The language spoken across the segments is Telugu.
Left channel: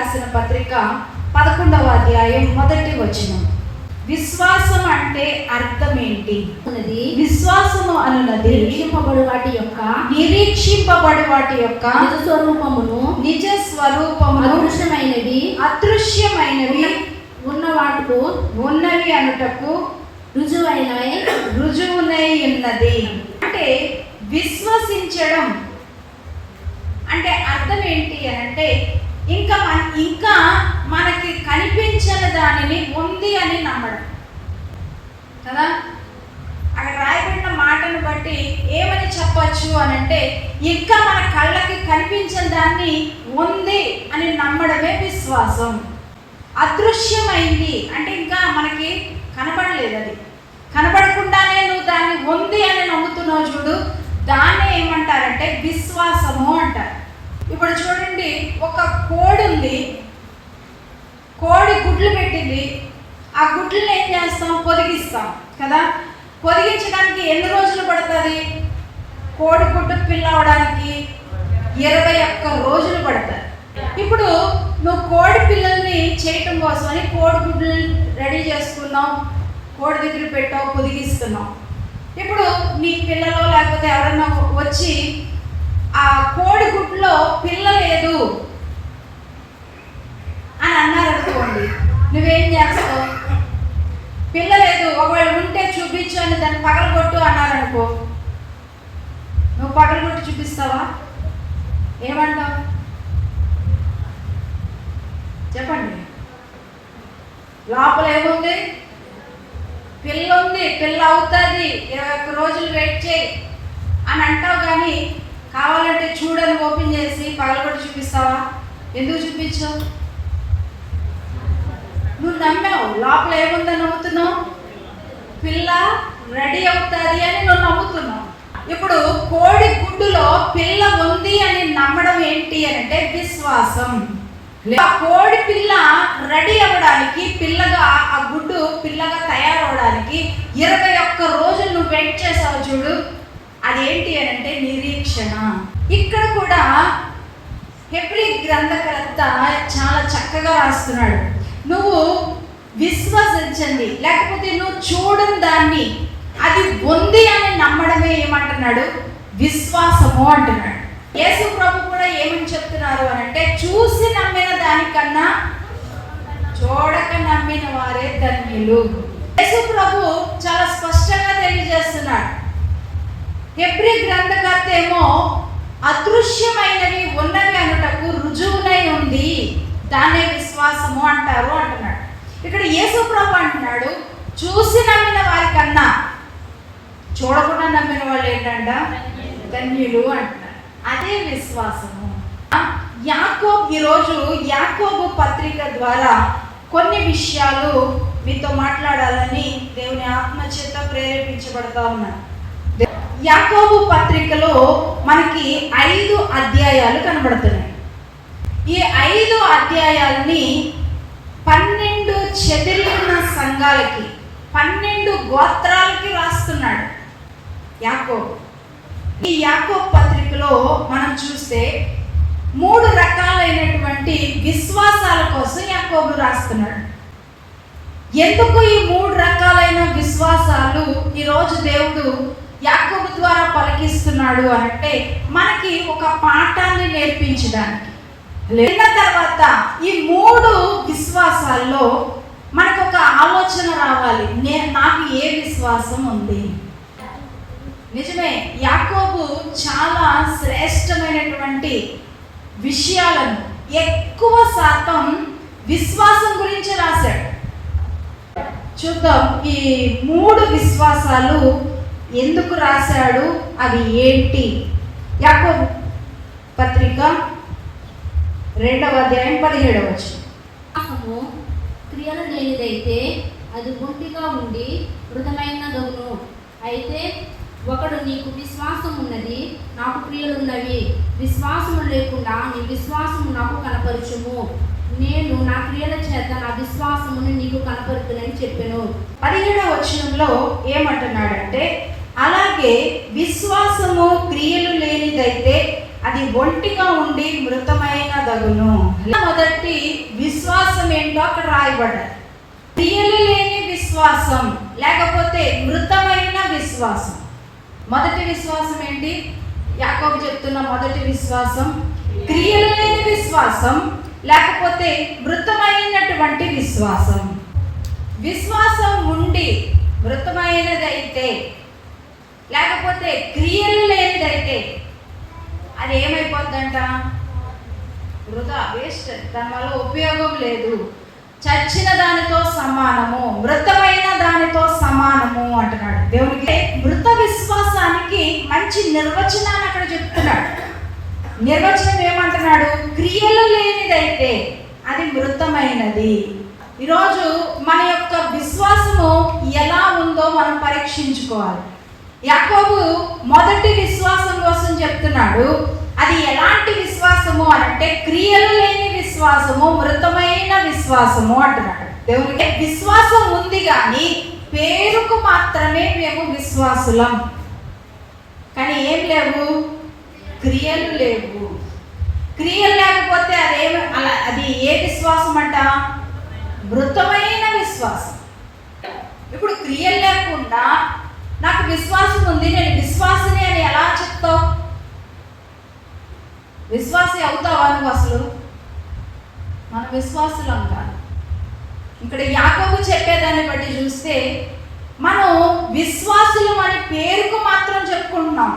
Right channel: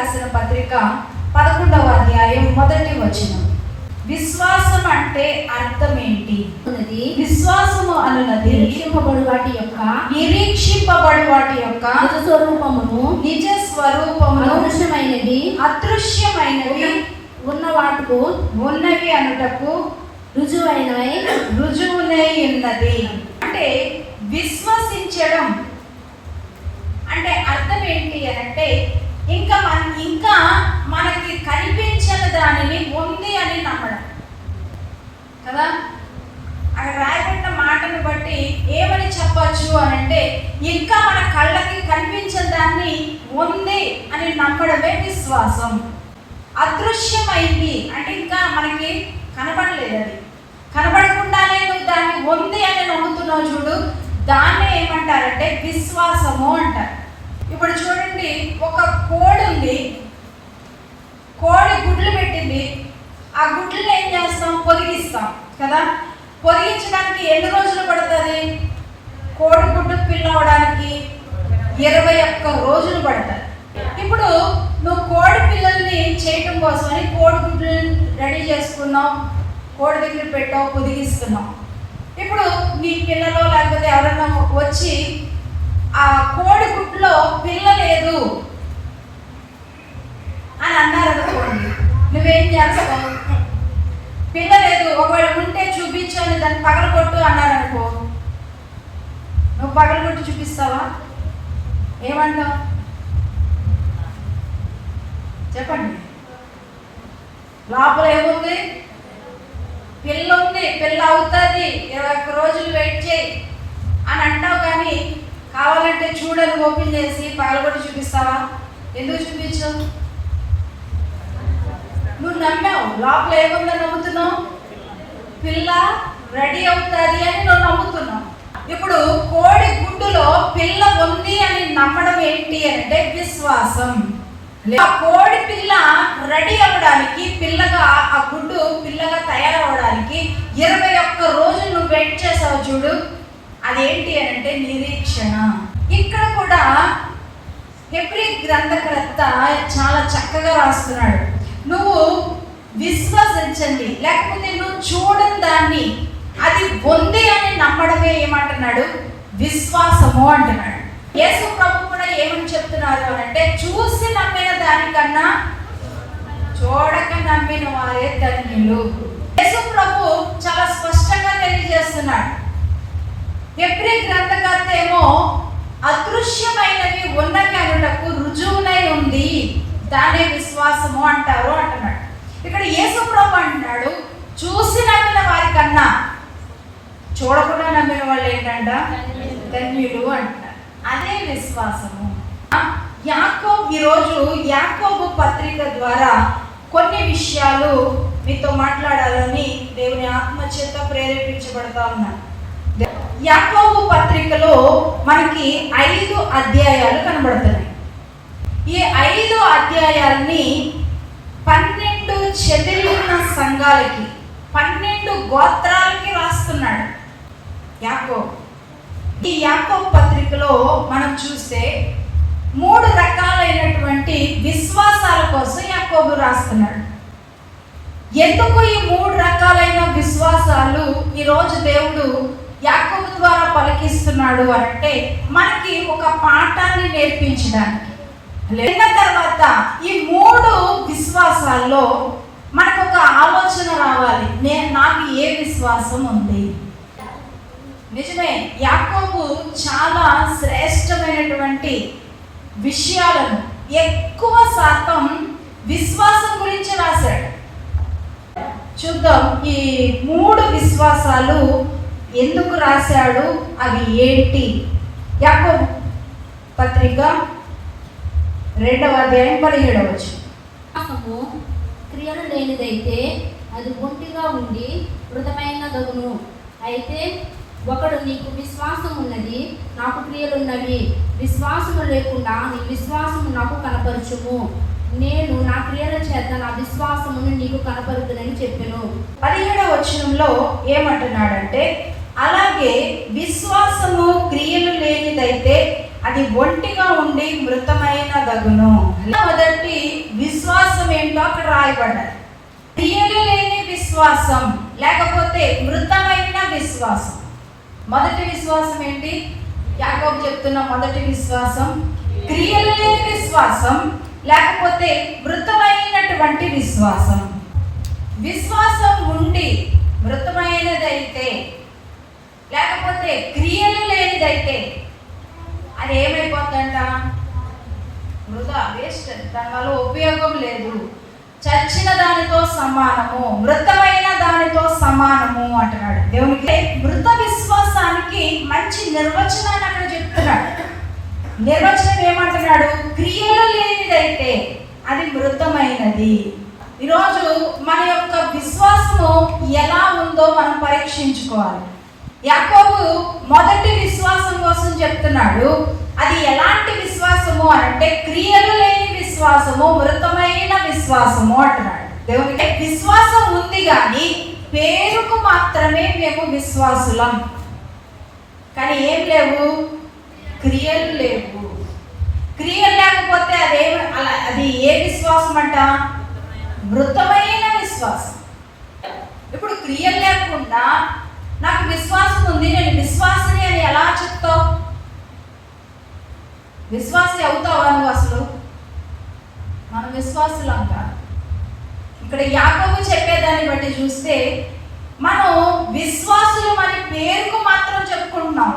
రాసిన పత్రిక 11వ అధ్యాయం 1వ వచనం. విశ్వాసం అంటే అర్థం ఏంటి? విశ్వాసము అనున్నది నిరీక్షింపబడు వాటి యొక్క నిజ స్వరూపమును అదృశ్యమైనవి ఉన్నవి అనుటకు రుజువునై ఉన్నది. అంటే విశ్వసించడం అంటే అర్థం ఏంటి అంటే ఇంకా మనకి కనిపించని దానిని ఉంది అని నమ్మడం కదా. అక్కడ రాయబడిన మాటను బట్టి ఏమని చెప్పచ్చు అని అంటే ఇంకా మన కళ్ళకి కనిపించని దాన్ని ఉంది అని నమ్మడమే విశ్వాసం. అదృశ్యమైంది అంటే ఇంకా మనకి కనబడలేదు, అది కనబడకుండానే నువ్వు దాన్ని ఉంది అని నమ్ముతున్నావు చూడు, దాన్ని ఏమంటారంటే విశ్వాసము అంటారు. ఇప్పుడు చూడండి, ఒక కోడి ఉంది, కోడి గుడ్లు పెట్టింది, ఆ గుడ్లను ఏం చేస్తాం? పొదిగిస్తాం కదా. పొదిగించడానికి ఎన్ని రోజులు పడుతుంది? కోడి గుడ్డు పిల్ల అవడానికి 21 రోజులు పడుతుంది. ఇప్పుడు నువ్వు కోడి పిల్లల్ని చేయటం కోసమని కోడి గుడ్లు రెడీ చేసుకున్నావు, కోడి దగ్గర పెట్టావు, పొదిగిస్తున్నావు. ఇప్పుడు నీ పిల్లలో లేకపోతే ఎవరైనా వచ్చి ఆ కోడి గుడ్లో పిల్ల లేదు అని అన్నారు అనుకోండి, నువ్వేం చేస్తావు? పిల్ల లేదు, ఒకవేళ ఉంటే చూపించు అని దాన్ని పగలగొట్టు అన్నారు అనుకో, నువ్వు పగలగొట్టి చూపిస్తావా? ఏమన్నావు చెప్పండి. లోపల ఏముంది? పిల్ల ఉంది, పిల్ల అవుతుంది, 21 రోజులు వెయిట్ చేయి అని అంటావు. కానీ కావాలంటే చూడని ఓపెన్ చేసి పగలగొట్టి చూపిస్తావా? ఎందుకు చూపించు? నువ్వు నమ్మావు, లోపల ఏముందని నమ్ముతున్నావు? పిల్ల రెడీ అవుతుంది అని నువ్వు నమ్ముతున్నావు. ఇప్పుడు కోడి గుడ్డులో పిల్ల ఉంది అని నమ్మడం ఏంటి అంటే విశ్వాసం. ఆ కోడి పిల్ల రెడీ అవ్వడానికి, పిల్లగా ఆ గుడ్డు పిల్లగా తయారవడానికి 21 రోజులు నువ్వు వెయిట్ చేసావు చూడు, అదేంటి అంటే నిరీక్షణ. ఇక్కడ కూడా హెబ్రీ గ్రంథకర్త చాలా చక్కగా రాస్తున్నాడు. నువ్వు విశ్వసించండి, లేకపోతే నువ్వు చూడని దాన్ని అది ఉంది అని నమ్మడమే ఏమంటున్నాడు? విశ్వాసము అంటున్నాడు. యేసు ప్రభు కూడా ఏమని చెప్తున్నారు అంటే చూసి నమ్మిన దానికన్నా చూడక నమ్మిన వారే ధన్యులు. యేసు ప్రభు చాలా స్పష్టంగా తెలియజేస్తున్నాడు. హెబ్రీ గ్రంథకర్త ఏమో అదృశ్యమైనవి ఉన్నవి అనుటకు రుజువునై ఉంది, దాన్నే విశ్వాసము అంటారు అంటున్నాడు. ఇక్కడ యేసు ప్రభు అంటున్నాడు చూసి నమ్మిన వారి కన్నా చూడకుండా నమ్మిన వాళ్ళు ఏంటంట? ధన్యులు అంటున్నాడు. అదే విశ్వాసము. ఈరోజు యాకోబు పత్రిక ద్వారా కొన్ని విషయాలు మీతో మాట్లాడాలని దేవుని ఆత్మ చేత ప్రేరేపించబడతా ఉన్నాను. యాకోబు పత్రికలో మనకి 5 అధ్యాయాలు కనబడుతున్నాయి. ఈ 5 అధ్యాయాల్ని 12 చెదిరిన సంఘాలకి, 12 గోత్రాలకి రాస్తున్నాడు యాకోబు. ఈ యాకోబు పత్రికలో మనం చూస్తే 3 రకాలైనటువంటి విశ్వాసాల కోసం యాకోబు రాస్తున్నాడు. ఎందుకు ఈ 3 రకాలైన విశ్వాసాలు ఈరోజు దేవుడు యాకోబు ద్వారా పలికిస్తున్నాడు అంటే మనకి ఒక పాఠాన్ని నేర్పించడానికి. లేన తర్వాత ఈ 3 విశ్వాసాల్లో మనకు ఒక ఆలోచన రావాలి, నాకు ఏ విశ్వాసం ఉంది? నిజమే, యాకోబు చాలా శ్రేష్టమైనటువంటి విషయాలను, ఎక్కువ శాతం విశ్వాసం గురించి రాశాడు. చూద్దాం ఈ 3 విశ్వాసాలు ఎందుకు రాశాడు, అవి ఏంటి? యాకోబు పత్రిక 2వ అధ్యాయం 17వ వచనం. క్రియలు లేనిదైతే అది గుంటిగా ఉండి మృతమైనదగును. అయితే ఒకడు నీకు విశ్వాసం ఉన్నది, నాకు క్రియలున్నవి, విశ్వాసము లేకుండా నీ విశ్వాసము నాకు కనపరచుము, నేను నా క్రియల చేత నా విశ్వాసమును నీకు కనపరుతునని చెప్పాను. 17వ వచనంలో ఏమంటున్నాడంటే అలాగే విశ్వాసము క్రియలు లేనిదైతే అది ఒంటిగా ఉండి మృతమైన దగును. మొదటి రాయబడ్డారు. క్రియలు లేని విశ్వాసం లేకపోతే మృతమైన విశ్వాసం. మొదటి విశ్వాసం ఏంటి? యాకోబు చెప్తున్న మొదటి విశ్వాసం క్రియలు లేని విశ్వాసం లేకపోతే మృతమైనటువంటి విశ్వాసం. విశ్వాసం ఉండి మృతమైనదైతే లేకపోతే క్రియలు లేనిదైతే అది ఏమైపోద్దంట? వృధా, వేస్ట్, దానివల్ల ఉపయోగం లేదు, చచ్చిన దానితో సమానము, మృతమైన దానితో సమానము అంటున్నాడు దేవునికి. మృత విశ్వాసానికి మంచి నిర్వచనాన్ని అక్కడ చెప్తున్నాడు. నిర్వచనం ఏమంటున్నాడు? క్రియలు లేనిదైతే అది మృతమైనది. ఈరోజు మన యొక్క విశ్వాసము ఎలా ఉందో మనం పరీక్షించుకోవాలి. యాకోబు మొదటి విశ్వాసం కోసం చెప్తున్నాడు. అది ఎలాంటి విశ్వాసము అంటే క్రియలు లేని విశ్వాసము, మృతమైన విశ్వాసము అంటున్నాడు. దేవునికి విశ్వాసం ఉంది కానీ పేరుకు మాత్రమే మేము విశ్వాసులం, కానీ ఏం లేవు, క్రియలు లేవు. క్రియలు లేకపోతే అది ఏ విశ్వాసం అంట? మృతమైన విశ్వాసం. ఇప్పుడు క్రియలు లేకుండా నాకు విశ్వాసం ఉంది, నేను విశ్వాసిని అని ఎలా చెప్తావు? విశ్వాసి అవుతావా నువ్వు? అసలు మన విశ్వాసులం కాదు. ఇక్కడ యాకోబు చెప్పేదాన్ని బట్టి చూస్తే మనం విశ్వాసులు అని పేరుకు మాత్రం చెప్పుకుంటున్నాం.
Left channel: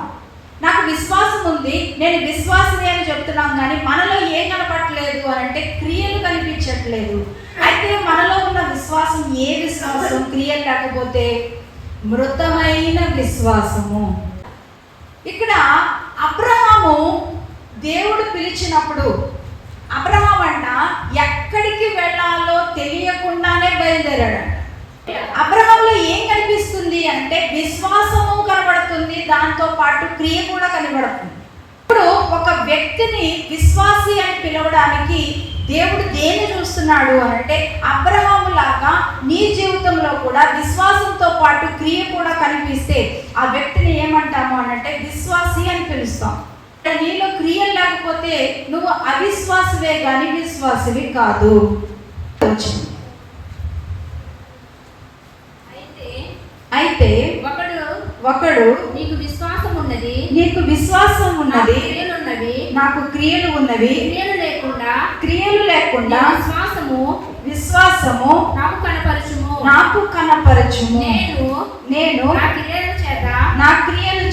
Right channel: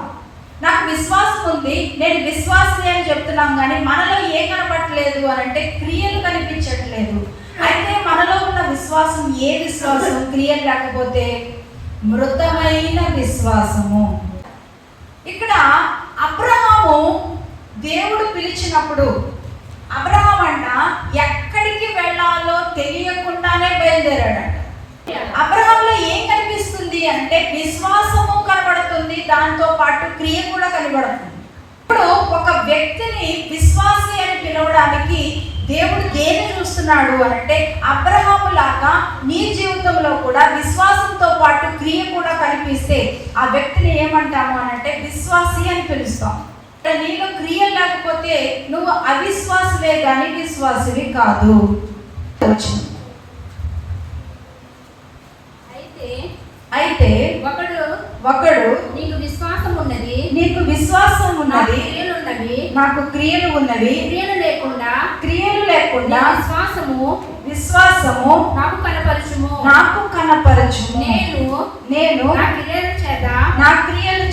నాకు విశ్వాసం ఉంది, నేను విశ్వాసిని అని చెప్తున్నాం, కానీ మనలో ఏం కనపడట్లేదు అంటే క్రియలు కనిపించట్లేదు. అయితే మనలో ఉన్న విశ్వాసం ఏ విశ్వాసం? క్రియలు లేకపోతే మృతమైన విశ్వాసము. ఇక్కడ అబ్రహాము దేవుడు పిలిచినప్పుడు అబ్రహాం అంట ఎక్కడికి వెళ్ళాలో తెలియకుండానే బయలుదేరాడు. అబ్రహాంలో ఏం కనిపిస్తుంది అంటే విశ్వాసము కనబడుతుంది, దాంతో పాటు క్రియ కూడా కనబడుతుంది. ఇప్పుడు ఒక వ్యక్తిని విశ్వాసి అని పిలవడానికి దేవుడు దేన్ని చూస్తున్నాడు అంటే అబ్రహాము లాగా నీ జీవితంలో కూడా విశ్వాసంతో పాటు క్రియ కూడా కనిపిస్తే ఆ వ్యక్తిని ఏమంటాము అంటే విశ్వాసి అని పిలుస్తాం. నీలో క్రియ లేకపోతే నువ్వు అవిశ్వాసమే కానీ విశ్వాసవి కాదు. అయితే ఒకడు నీకు విశ్వాసం ఉన్నది, నాకు క్రియలు ఉన్నవి, క్రియలు లేకుండా విశ్వాసము నాకు కనపరచుము. నేను నా క్రియల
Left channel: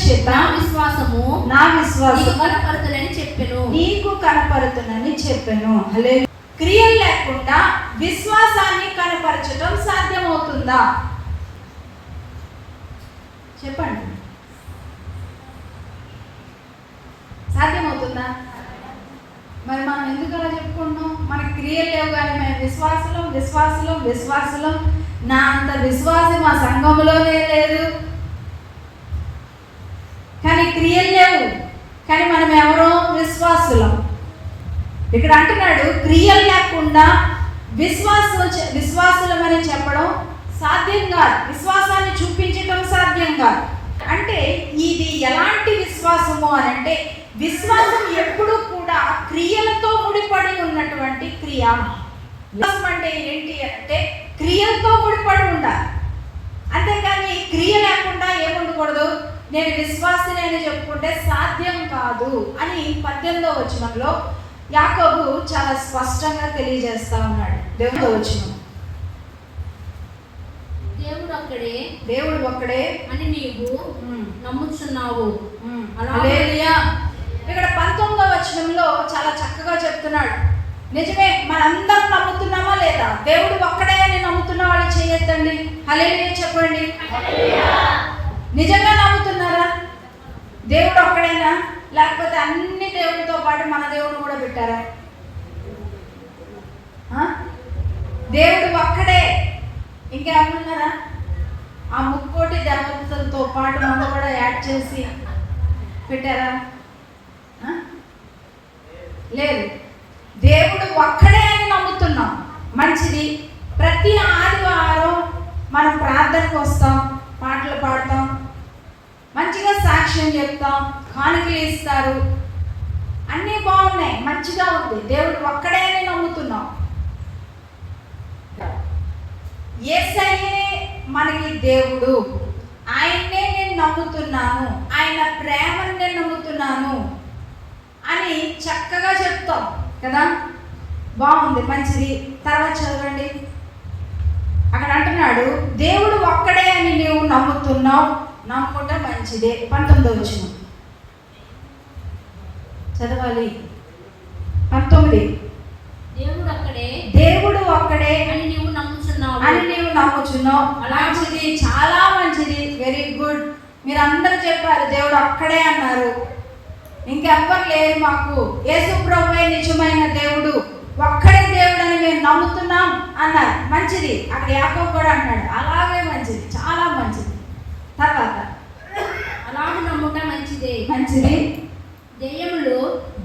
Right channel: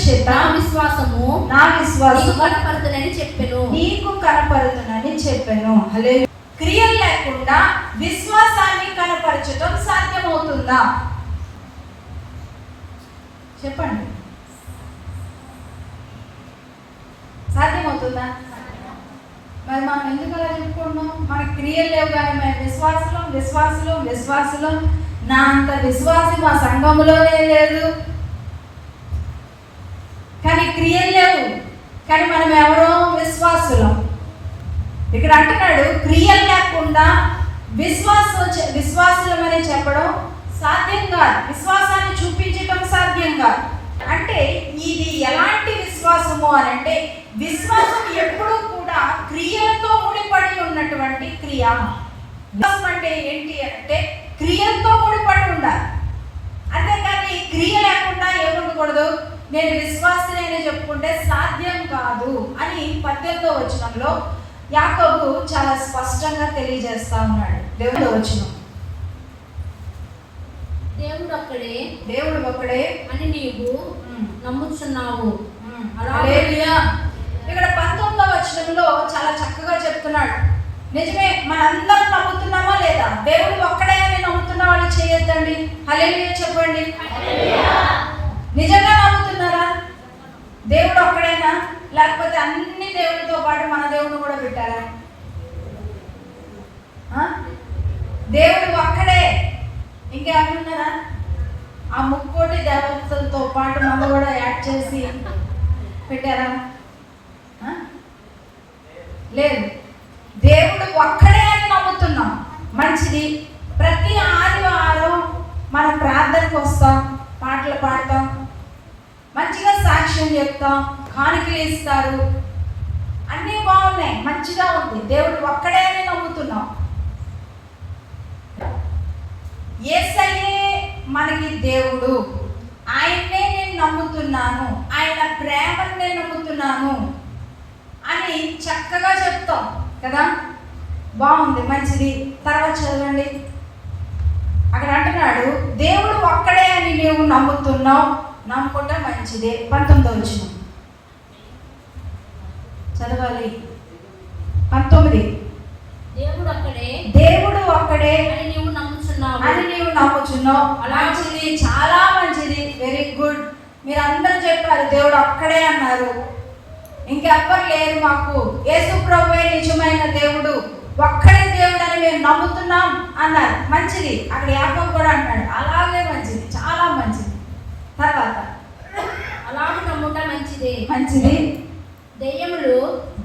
చేత నా విశ్వాసము నీకు కనపరుతునని చెప్పాను. క్రియలు లేకుండా విశ్వాసాన్ని కనపరచడం సాధ్యమవుతుందా? చెప్పండి, సాధ్యమవుతుందా? మరి మనం ఎందుకు అలా చెప్పుకుంటున్నాం? మనకి క్రియలు లేవు కానీ మేము విశ్వాసులం. నా అంత విశ్వాసం మా సంఘంలోనే లేదు, కానీ క్రియలు లేవు, కానీ మనం ఎవరో విశ్వాసులం. ఇక్కడ అంటున్నాడు క్రియలు లేకుండా విశ్వాసులం అని చెప్పడం సాధ్యం కాదు, విశ్వాసాన్ని చూపించడం సాధ్యం కాదు. అంటే ఇది ఎలాంటి విశ్వాసము అని అంటే విశ్వాసం ఎప్పుడు కూడా క్రియలతో ముడిపడి ఉన్నటువంటి క్రియ. విశ్వాసం అంటే ఏంటి అంటే క్రియలతో ముడిపడి ఉండాలి, అంతేకాని క్రియ లేకుండా ఏముండకూడదు. నేను విశ్వాసిని అని చెప్పుకుంటే సాధ్యం కాదు అని 18వ వచనంలో యాకోబు చాలా స్పష్టంగా తెలియజేస్తా ఉన్నాడు. దేవుడు వచనం దేవుడు ఒక్కడే అని నీవు నమ్ముచున్నావు. హల్లెలూయా. ఇక్కడ 19వ వచనంలో చాలా చక్కగా చెప్తున్నాడు. నిజమే, మనందరం నమ్ముతున్నామా లేదా? దేవుడు ఒక్కడే అని నమ్ముతున్న వాళ్ళు చెయ్యొద్దండి. హల్లెలూయా చెప్పండి. నిజంగా నమ్ముతున్నారా? దేవుడు ఒక్కడేనా? లేకపోతే అన్ని దేవుడితో పాటు మన దేవుడు కూడా పెట్టారా? దేవుడు ఒక్కడే, ఇంకేమన్నారా? ఆ ముక్కోటి దేవతలతో పాటు మనం కూడా యాడ్ చేసి పెట్టారా? లేదు, దేవుడు ఒక్కడే అని నమ్ముతున్నాం. మంచిది. ప్రతి ఆదివారం మనం ప్రార్థనకు వస్తాం, పాటలు పాడతాం, మంచిగా సాక్ష్యం చెప్తాం, కానుకలు ఇస్తారు, అన్నీ బాగున్నాయి, మంచిగా ఉంది. దేవుడు ఒక్కడే అని నమ్ముతున్నాం. దేవుడు, ఆయన్నే నేను నమ్ముతున్నాను, ఆయన ప్రేమను నేను నమ్ముతున్నాను అని చక్కగా చెప్తాం కదా. బాగుంది, మంచిది. తర్వాత చదవండి. అక్కడ అంటున్నాడు, దేవుడు ఒక్కడే అని నీవు నమ్ముతున్నావు, నమ్ముకుంటే మంచిదే. 19 వచ్చింది చదవాలి. 19. దేవుడు ఒక్కడే అని నీవు నమ్ముచున్నావు. మంచిది, చాలా మంచిది, వెరీ గుడ్. మీరు అందరూ చెప్పారు దేవుడు ఒక్కడే అన్నారు. ఇంకెవ్వరు లేరు మాకు, యేసు ప్రభువే నిజమైన దేవుడు, ఒక్కడే దేవుడు అని మేము నమ్ముతున్నాం అన్నారు. మంచిది. అక్కడ యాకోబు కూడా అంటాడు అలాగే మంచిది, చాలా మంచిది. తర్వాత అలాగే నమ్ముట మంచిది.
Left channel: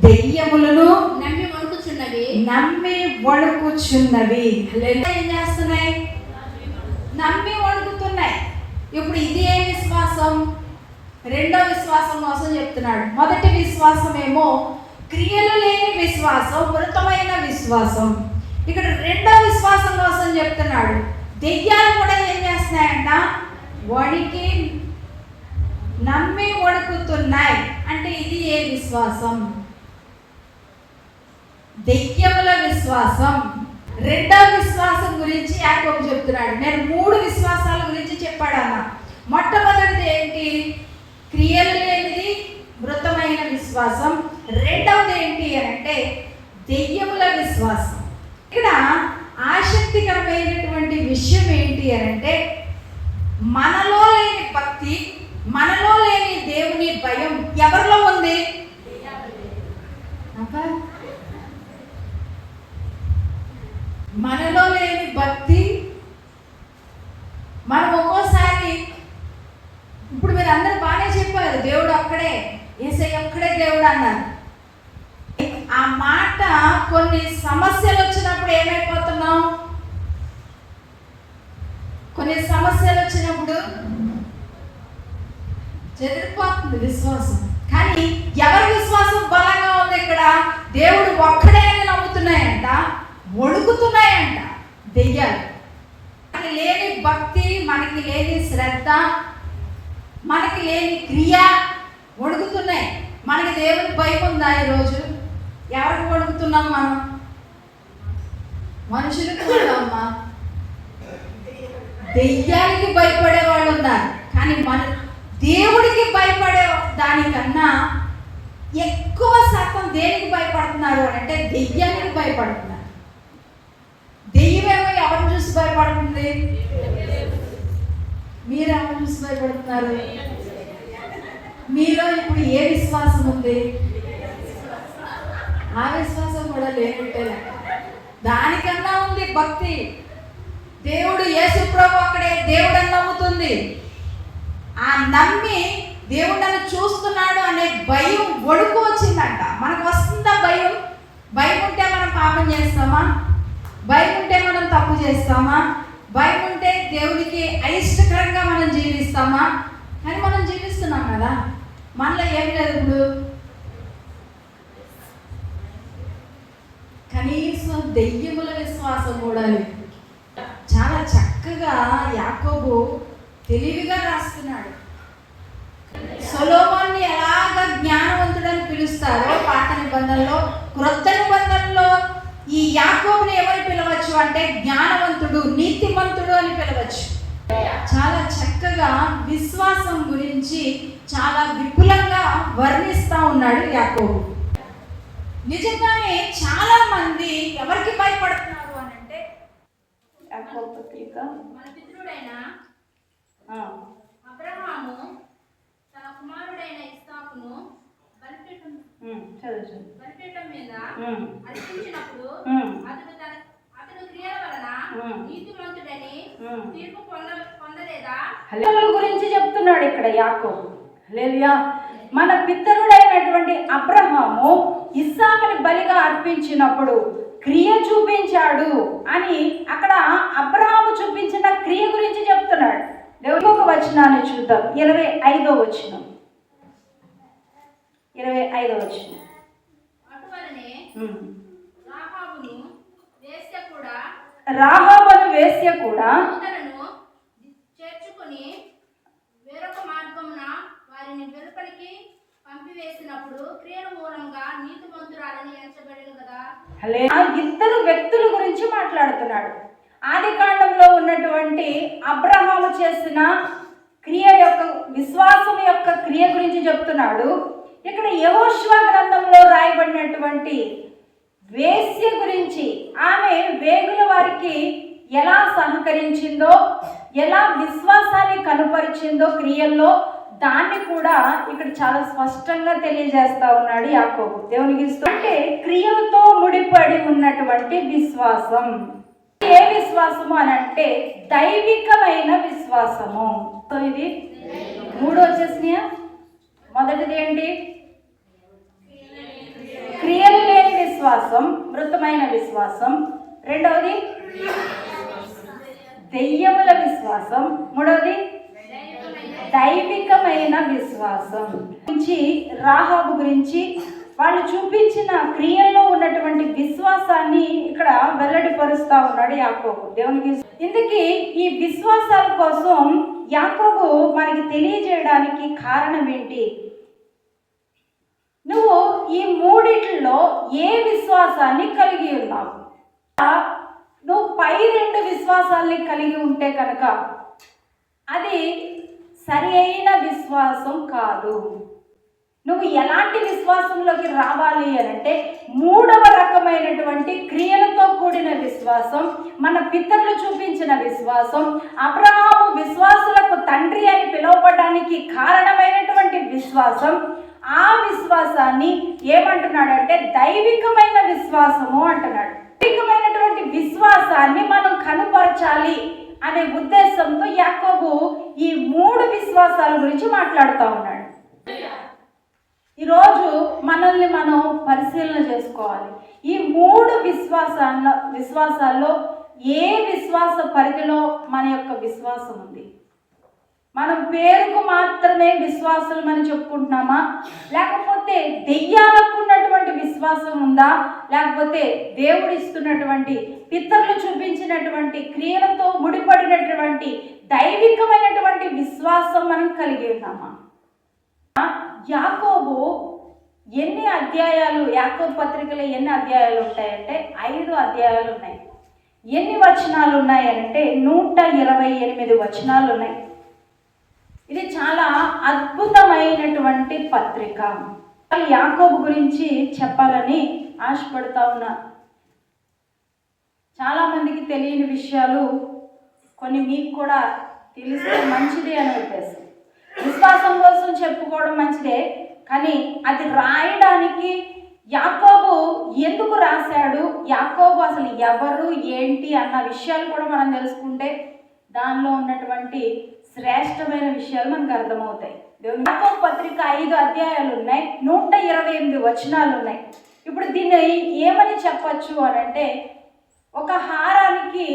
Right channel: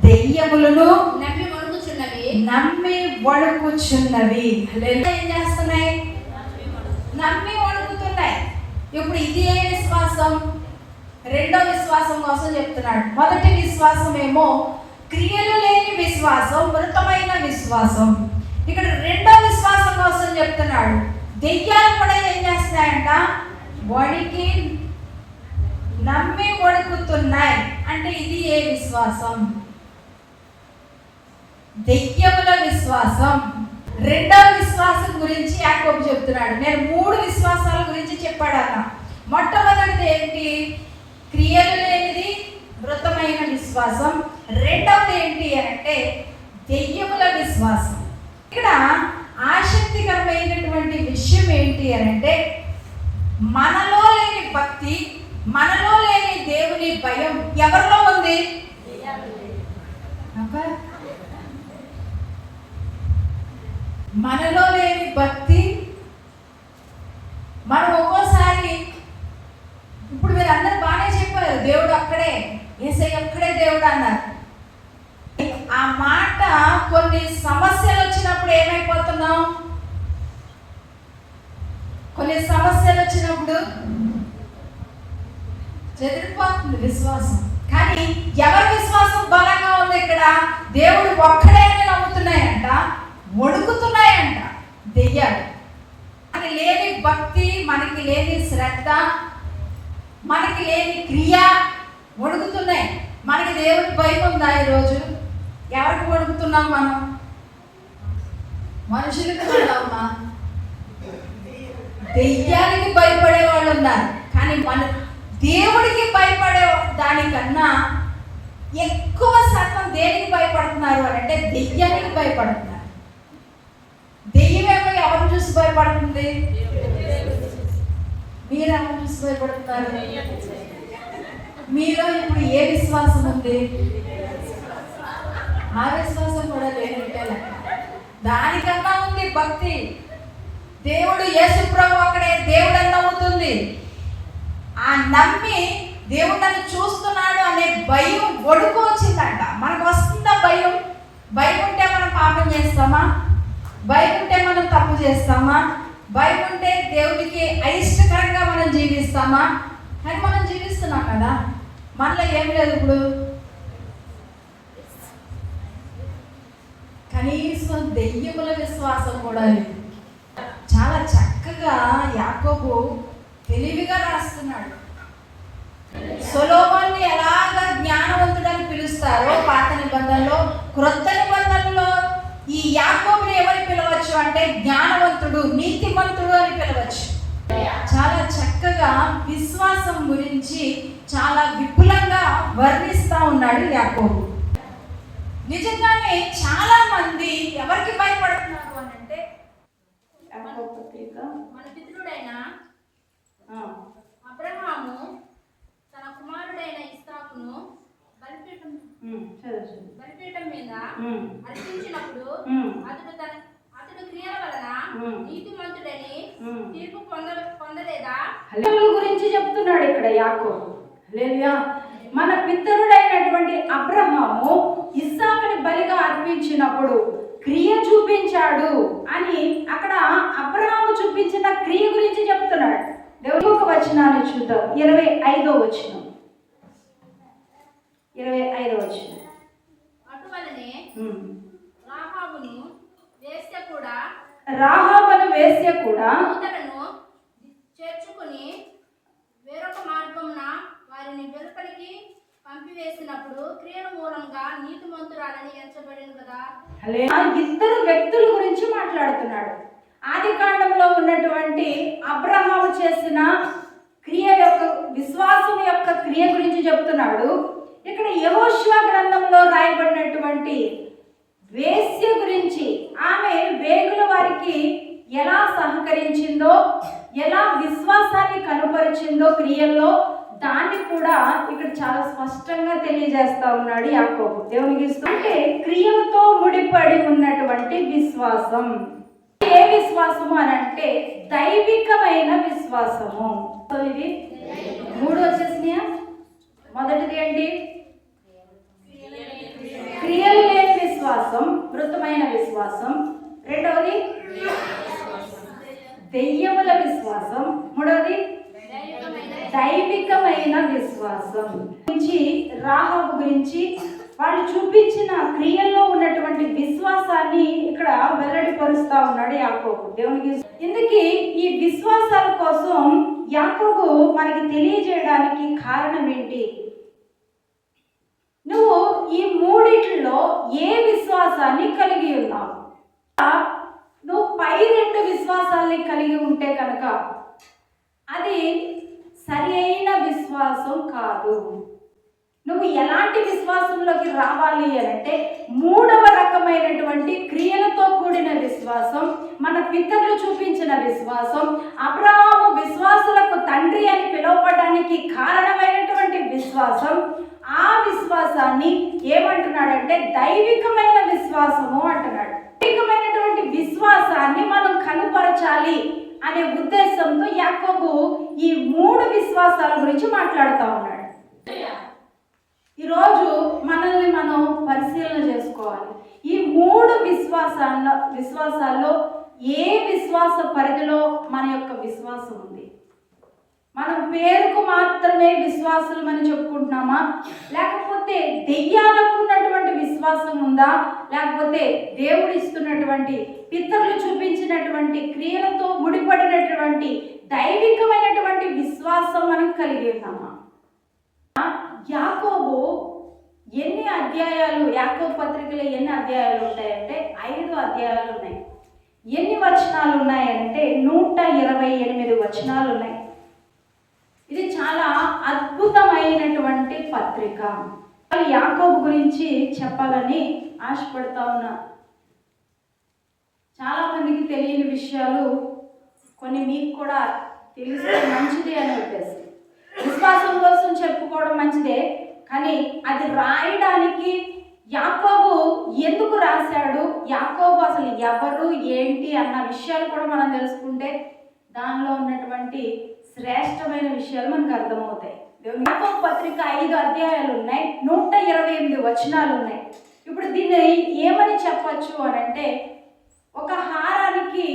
దెయ్యములను నమ్మి వణుకుచున్నవి. ఏం చేస్తున్నాయి? నమ్మి వణుకుతున్నాయి. ఇప్పుడు ఇది ఏ విశ్వాసం? రెండో విశ్వాసం కోసం చెప్తున్నాడు. మొదటి విశ్వాసం ఏమో క్రియలు లేని విశ్వాసం, మృతమైన విశ్వాసం. ఇక్కడ రెండో విశ్వాసం కోసం చెప్తున్నాడు. దెయ్యాలు కూడా ఏం చేస్తున్నాయంట? వణికి నమ్మి వణుకుతున్నాయి. అంటే ఇది ఏ విశ్వాసం? దెయ్యముల విశ్వాసం. రెండో విశ్వాసం గురించి యాకోబు చెప్తున్నాడు. నేను 3 విశ్వాసాల గురించి చెప్పాడు అన్న. మొట్టమొదటిది ఏంటి? క్రియలు లేనిది, మృతమైన విశ్వాసం. రెండవది ఏంటి అంటే దెయ్యముల విశ్వాసం. ఇక్కడ ఆసక్తికరమైనటువంటి విషయం ఏంటి అంటే మనలో లేని భక్తి, మనలో లేని దేవుని భయం ఎవరిలో ఉంది? మనలో లేని భక్తి. మనం ఒక్కోసారి, ఇప్పుడు మీరు అందరూ బాగానే చెప్పారు దేవుడు ఒక్కడే, యేసయ్య ఒక్కడే దేవుడు అన్నారు. ఆ మాట కొన్ని సమస్యలు వచ్చినప్పుడు ఏమైపోతున్నాం? కొన్ని సమస్యలు వచ్చినప్పుడు చెదిరిపోతుంది విశ్వాసం. కానీ ఎవరి విశ్వాసం బలంగా ఉంది? ఇక్కడ దేవుడు ఒక్కడే అని నమ్ముతున్నాయంట, వణుకుతున్నాయంట దెయ్యాలు. మనకి లేని భక్తి, మనకి లేని శ్రద్ధ, మనకి లేని క్రియ వణుకుతున్నాయి. మనకి దేవుడికి భయం ఉందా? ఈరోజు ఎవరికి వణుకుతున్నాం మనం? మనుషులకి ఉన్నామా? దెయ్యానికి భయపడే వాళ్ళు ఉన్నారు. కానీ మన దేవుడికి భయపడే దానికన్నా ఎక్కువ శాతం దేనికి భయపడుతున్నారు అంటే దెయ్యానికి భయపడుతున్నారు. దెయ్యమేమో ఎవరు చూసి భయపడుతుంది? మీరు ఎవరు చూసి భయపడుతున్నారు? మీలో ఇప్పుడు ఏ విశ్వాసం ఉంది? ఆ విశ్వాసం కూడా లేనట్టే లెక్క. దానికన్నా ఉంది భక్తి. దేవుడు యేసు ప్రభు ఒక్కడే దేవుడు అని నమ్ముతుంది. ఆ నమ్మి దేవుడు నన్ను చూస్తున్నాడు అనే భయం, వణుకు వచ్చిందంట. మనకు వస్తుందా భయం? భయం ఉంటే మనం పాపం చేస్తామా? భయం ఉంటే మనం తప్పు చేస్తామా? భయం ఉంటే దేవునికి అయిష్టకరంగా మనం జీవిస్తామా? కానీ మనం జీవిస్తున్నాం కదా. మనలో ఏం లేదు. ఇప్పుడు కనీసం దెయ్యముల విశ్వాసం కూడా లేదు. చాలా చక్కగా యాకోబు తెలివిగా రాస్తున్నాడు. సొలొమోన్ని ఎలాగ జ్ఞానవంతుడని పిలుస్తారో పాత నిబంధనలో, క్రొత్త నిబంధనలో ఈ యాకోబుని ఎవరు పిలవచ్చు అంటే జ్ఞానవంతుడు, నీతిమంతుడు అని పిలవచ్చు. చాలా చక్కగా విశ్వాసం గురించి చాలా విపులంగా వర్ణిస్తా ఉన్నాడు యాకోబు. నిజంగానే చాలా మంది ఎవరికి భయపడుతున్నారు అని అంటే మన పితరుడైన అబ్రహాము తన కుమారుడైన ఇస్సాకును బలిపీఠం మీద అర్పించినప్పుడు అతడు క్రియల వలన నీతిమంతుడని తీర్పు పొందలేదా? గురించి చెప్తున్నాడు ఇక్కడ యాకోబు. హల్లెలూయా. మన పితరుడైనటువంటి అబ్రహాము ఇస్సాకుని బలిగా అర్పించినప్పుడు క్రియ చూపించాడు అని అక్కడ అబ్రహాము చూపించిన క్రియ గురించి చెప్తున్నాడు. దేవుని ఒక వచనాన్ని చూద్దాం. 25వ వచనం. 25వ వచనం. అటువలనే రాహాబును వేశ్య కూడా చేర్చుకొని నీతిమంతురాలని ఎంచబడిను కదా. ఇద్దరు వ్యక్తుల గురించి మాట్లాడుతున్నాడు. ఆది కాండంలో ఉన్నటువంటి అబ్రహాము చేసిన క్రియ యొక్క విశ్వాసం యొక్క క్రియ గురించి చెప్తున్నాడు. ఇక్కడ యెహోషువ గ్రంథంలో రాయబడినటువంటి వేశ్య గురించి, ఆమె వేగుల వారికి ఎలా సహకరించిందో, ఎలా విశ్వాసాన్ని కనుపరిచిందో క్రియల్లో, దాన్ని కూడా ఇక్కడ చాలా స్పష్టంగా తెలియజేస్తా ఉన్నాడు యాకోబు. దేవునికి అంటే క్రియలతో ముడిపడి ఉన్నటువంటి విశ్వాసం. ఏ విశ్వాసము అని అంటే దైవికమైన విశ్వాసము. ఇది 3 వచ్చేసినాయా? మొదటిది ఏంటి? క్రియలు లేని విశ్వాసం, మృతమైన విశ్వాసం. రెండవది దెయ్యముల విశ్వాసం. మూడవది దైవికమైన విశ్వాసం. గురించి రాహాబు గురించి వాళ్ళు చూపించిన క్రియల్లో ఉన్నటువంటి విశ్వాసాన్ని ఇక్కడ వెల్లడిపరుస్తా ఉన్నాడు యాకోబు. దేవునికి ఇందుకు ఈ విశ్వాసాల కోసం యాకోబు మనకి తెలియజేయడానికి కారణం ఏంటి? నువ్వు ఈ మూడిట్లో ఏ విశ్వాసాన్ని కలిగి ఉన్నావు? నువ్వు పై 2 విశ్వాసాల్ని కలిగి ఉంటే కనుక అది సరి అయిన విశ్వాసం కాదు. నువ్వు ఎలాంటి విశ్వాసంలోకి రావాలి అంటే 3వ రకమైనటువంటి క్రియలతో కూడిన విశ్వాసం, మన పితరులు చూపించిన విశ్వాసం, అబ్రహాము విశ్వాసులకు తండ్రి అని పిలువబడడానికి కారణమైనటువంటి విశ్వాసం. ఆ విశ్వాసాన్ని ఏమంటున్నాడంటే దైవికమైన విశ్వాసము అంటున్నాడు. దైవికమైనటువంటి విశ్వాసాన్ని మనం కనుపరచాలి అనే ఉద్దేశంతో యాకోబు ఈ 3 విశ్వాసాల గురించి మాట్లాడుతూ ఉన్నాడు. ఈరోజు మనల్ని మనం పరిశీలన చేసుకోవాలి. ఈ 3 విశ్వాసాల్లో ఏ విశ్వాస పరిధిలో మన యొక్క విశ్వాసం ఉంది? మనం పేరుకు మాత్రమే విశ్వాసం అని చెప్పుకుంటున్నామా? లేకపోతే దెయ్యాలకు ఉన్నటువంటి విశ్వాసం ఉందా? లేకపోతే దేవుడు ఇస్తున్నటువంటి పితరులు చూపించినటువంటి క్రియలతో ముడిపడినటువంటి దైవికమైనటువంటి విశ్వాసం మనం కలిగి ఉన్నామా? యాకోబు ఎన్ని అధ్యాయాలు, యాకోబు పత్రికలో ఎన్ని అధ్యాయాలు ఉంటాయంటే 5 అధ్యాయాలు ఉన్నాయి. ఎన్ని వచనాలు ఉన్నాయంటే 128 వచనాలు ఉన్నాయి. ఇది చాలా అద్భుతమైనటువంటి పత్రిక. యాకోబు గురించి చెప్పాలని ఆశపడతా ఉన్నా. చాలా మందికి తెలియని విషయాలు కొన్ని మీకు కూడా తెలిస్తే మంచిది అని ఉద్దేశం. విశ్వాసం కోసం చెప్పుకోవడం మంచిదే, కానీ అది రాయడానికి యాకోబు ఎందుకు రాశాడు, యాకోబు అసలు ఎవరు ఏంటి అన్న విషయాలు కూడా మనం తెలుసుకుంటే దానిలో ఉన్నటువంటి శ్రేష్టమైన విషయాలు మనకు అర్థమవుతాయి. యాకోబు పత్రిక 5 అధ్యాయాలు ఉన్నాయి, 128 వచనాలు ఉన్నాయి. ఇప్పుడు దీన్ని ఏమని చెప్పచ్చు అని అంటే, ఒక హారానికి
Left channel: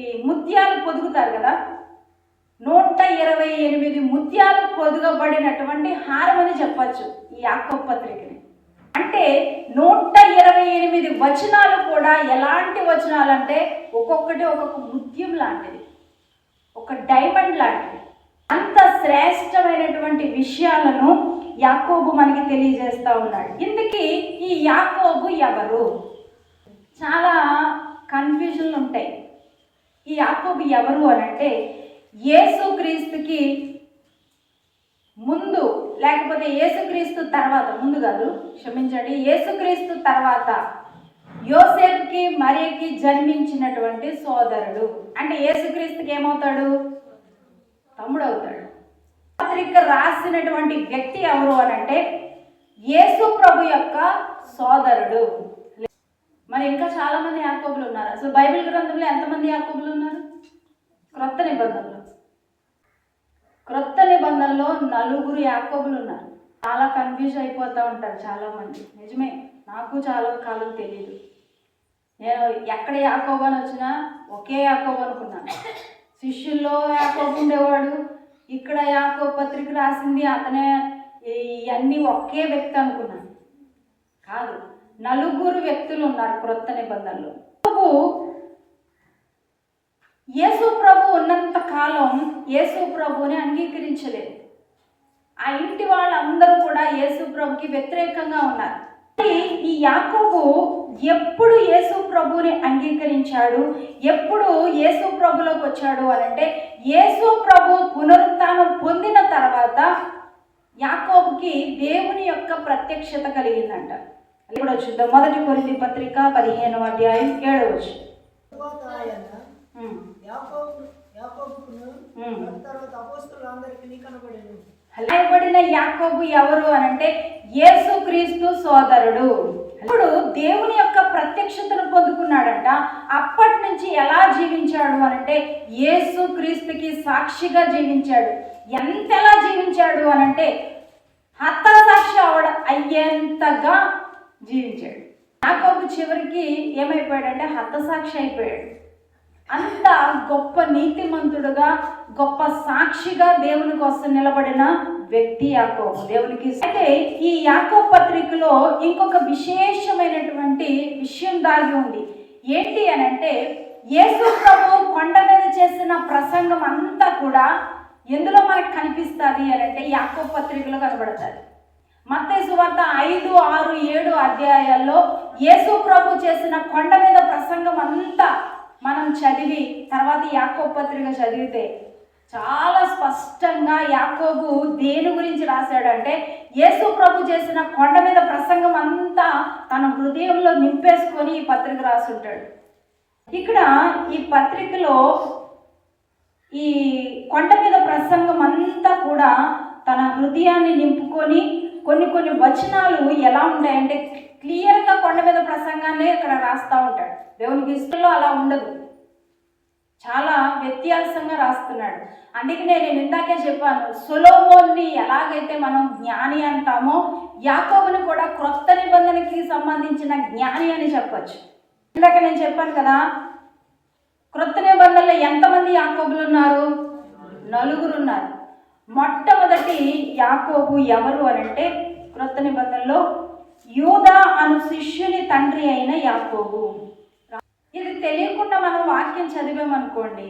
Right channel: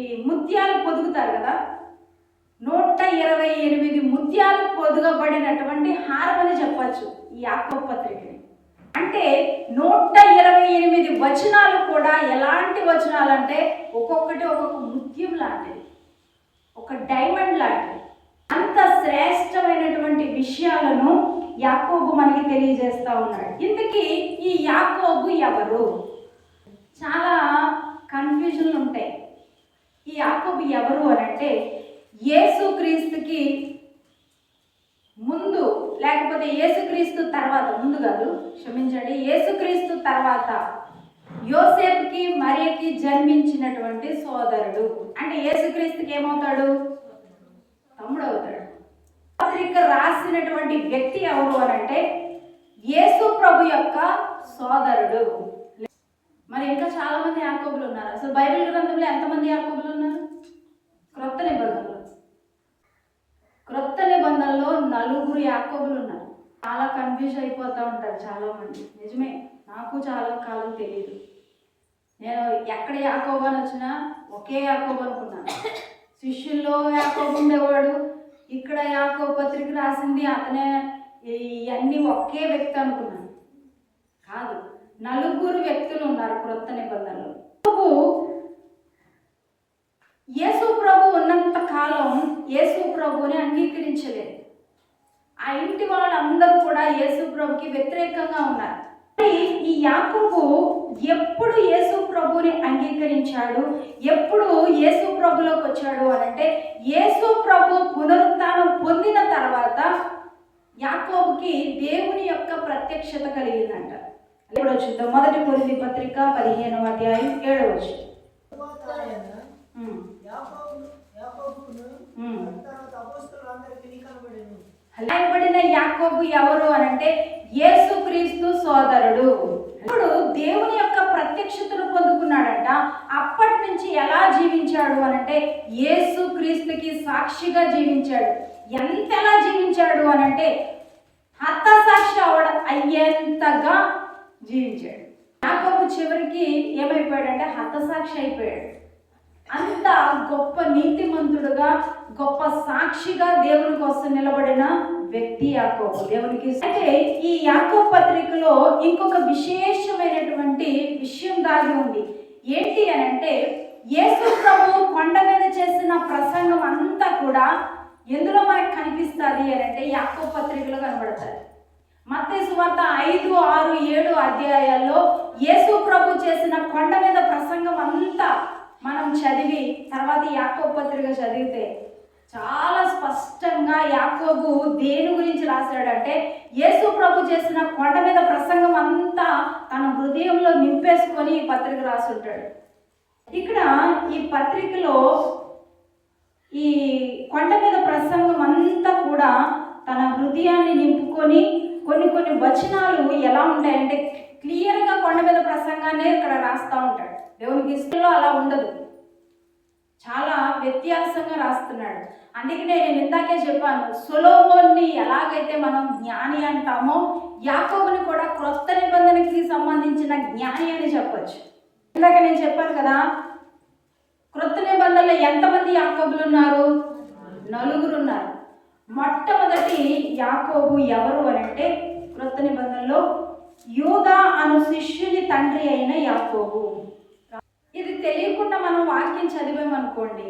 ఈ ముత్యాలు పొదుగుతారు కదా, 128 ముత్యాలు పొదుగబడినటువంటి హారం అని చెప్పచ్చు ఈ యాకోబు పత్రికని. అంటే 128 వచనాలు కూడా ఎలాంటి వచనాలు అంటే ఒక్కొక్కటి ఒక్కొక్క ముత్యం లాంటిది, ఒక డైమండ్ లాంటిది. అంత శ్రేష్టమైనటువంటి విషయాలను యాకోబు మనకి తెలియజేస్తూ ఉన్నాడు. ఇందుకీ ఈ యాకోబు ఎవరు? చాలా కన్ఫ్యూజన్లు ఉంటాయి. ఈ యాకోబు ఎవరు అని అంటే యేసుక్రీస్తుకి ముందు, లేకపోతే యేసుక్రీస్తు తర్వాత, ముందు కాదు క్షమించండి, యేసుక్రీస్తు తర్వాత యోసేపుకి మరియకి జన్మించినటువంటి సోదరుడు. అంటే యేసుక్రీస్తుకి ఏమవుతాడు? తమ్ముడు అవుతాడు. పత్రిక రాసినటువంటి వ్యక్తి ఎవరు అని అంటే యేసు ప్రభు యొక్క సోదరుడు. మరి ఇంకా చాలా మంది యాకోబులు ఉన్నారు. అసలు బైబిల్ గ్రంథంలో ఎంతమంది యాకోబులు ఉన్నారు? క్రొత్త నిబంధనలో 9 యాకోబులు ఉన్నారు. చాలా కన్ఫ్యూజ్ అయిపోతూ ఉంటారు చాలామంది. నిజమే, నాకు చాలా కాలం తెలియదు. నేను ఎక్కడ యాకోబు అని వచ్చినా ఒకే యాకోబు అనుకున్నాను. శిష్యుల్లో యాకోబు ఉండేవాడు, ఇక్కడ యాకోబు పత్రిక రాసింది అతనే, ఇవన్నీ ఒకే వ్యక్తి అనుకున్నాను. కాదు, 9 వ్యక్తులు ఉన్నారు క్రొత్త నిబంధనలో. యేసు ప్రభు ఉన్నంత కాలం యేసు ప్రభుని అంగీకరించలేదు. ఆ ఇంటి వాళ్ళందరూ కూడా యేసు ప్రభుకి వ్యతిరేకంగా ఉన్నారు. ఈ యాకోబు ఎప్పుడు యేసు ప్రభుని అంగీకరించాడు, ఎప్పుడు యేసు ప్రభులోకి వచ్చాడు అనంటే యేసు ప్రభు పునరుత్థానం పొందిన తర్వాత యాకోబుకి దేవుని యొక్క ప్రత్యక్షత కలిగిందంట. ఇప్పుడు చూద్దాం. 1 కొరింథీ పత్రిక 15వ అధ్యాయం 7వ వచనం. రాయబడిన యాకోబు ఎవరు అనంటే యేసుక్రీస్తు సోదరుడు. ఇప్పుడు దేవుని యొక్క ప్రత్యక్షతను పొందుకున్నాడంట. అప్పటి నుంచి ఎలా జీవించాడు అనంటే యేసుక్రీస్తుకి సాక్షిగా జీవించాడు. ఎంతలా జీవించాడు అనంటే హతసాక్షి అయ్యేంతగా జీవించాడు. యాకోబు చివరికి ఏమైపోయాడంటే హతసాక్షి అయిపోయాడు. అంత గొప్ప నీతిమంతుడుగా, గొప్ప సాక్షిగా దేవుని కోసం నిలబడిన వ్యక్తి యాకోబు. దేవునికి అయితే ఈ యాకోబు పత్రికలో ఇంకొక విశేషమైనటువంటి విషయం దాగి ఉంది. ఏంటి అనంటే యేసు ప్రభు కొండ మీద చేసిన ప్రసంగం అంతా కూడా ఎందులో మనకు కనిపిస్తుంది అనంటే యాకోబు పత్రికలో కనబడతారు. మత్తయి సువార్త 5, 6, 7 అధ్యాయాల్లో యేసు ప్రభు చేసిన కొండ మీద ప్రసంగం అంతా మనం చదివి తర్వాత యాకోబు పత్రిక చదివితే చాలా స్పష్టంగా యాకోబు దేని గురించి రాశాడంటే యేసు ప్రభు చేసిన కొండ మీద ప్రసంగం అంతా తన హృదయంలో నింపేసుకొని ఈ పత్రిక రాసుంటాడు. ఇక్కడ ఈ పత్రికలో ఈ కొండ మీద ప్రసంగం అంతా కూడా తన హృదయాన్ని నింపుకొని కొన్ని వచనాలు ఎలా ఉంటాయంటే క్లియర్గా కొండ మీద ప్రసంగాన్ని ఇక్కడ రాస్తూ ఉంటాడు. దేవునికి ఇష్టంలో అలా ఉండదు, చాలా వ్యత్యాసంగా రాస్తున్నాడు. అందుకనే నేను ఇందాకే చెప్పాను, సొలొమోన్ని ఎలాగైతే మనం జ్ఞాని అంటామో యాకోబుని కూడా క్రొత్త నిబంధనకి సంబంధించిన జ్ఞాని అని చెప్పచ్చు. ఇందాక నేను చెప్పాను కదా, క్రొత్త నిబంధనలో ఎంతమంది యాకోబులు ఉన్నారు? 4 ఉన్నారు. మొట్టమొదటి యాకోబు ఎవరు అనంటే క్రొత్త నిబంధనలో యూదా అను శిష్యుని తండ్రి అయిన యాకోబు. ఇది తెలియకుండా మనం వాక్యం చదివామనుకోండి,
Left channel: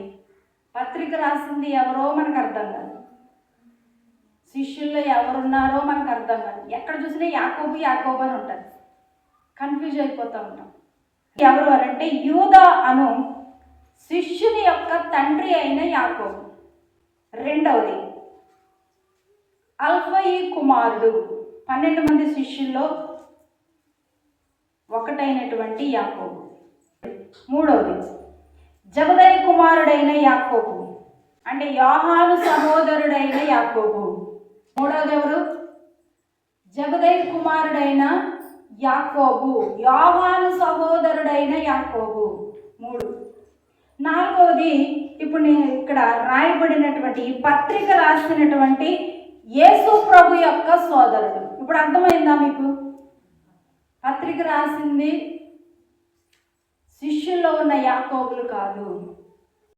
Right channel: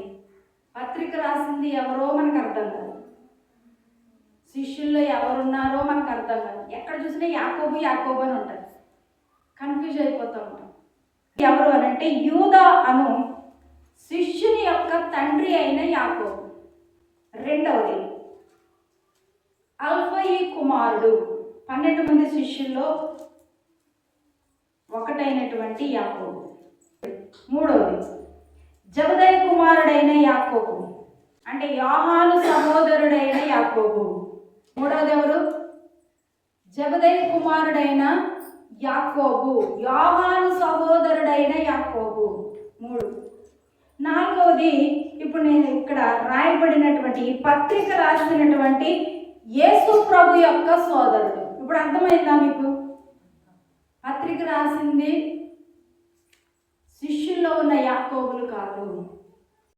పత్రిక రాసింది ఎవరో మనకు అర్థం కాదు, శిష్యుల్లో ఎవరున్నారో మనకు అర్థం కాదు. ఎక్కడ చూసినా యాకోబు యాకోబు అని ఉంటుంది, కన్ఫ్యూజ్ అయిపోతూ ఉంటాం. ఎవరు అనంటే యూదా అను శిష్యుని యొక్క తండ్రి అయిన యాకోబు. రెండవది అల్ఫయి కుమారుడు, 12 మంది శిష్యుల్లో ఒకటైనటువంటి యాకోబు. మూడవది జబదయి కుమారుడైన యాకోబు, అంటే యోహాను సహోదరుడైన యాకోబు. మూడవది ఎవరు? జబదయి కుమారుడైన యాకోబు, యోహాను సహోదరుడైన యాకోబు. 3. నాలుగవది ఇప్పుడు నేను ఇక్కడ రాయబడినటువంటి ఈ పత్రిక రాసినటువంటి యేసు ప్రభు యొక్క సోదరుడు. ఇప్పుడు అర్థమైందా మీకు? పత్రిక రాసింది శిష్యుల్లో ఉన్న యాకోబులు కాదు,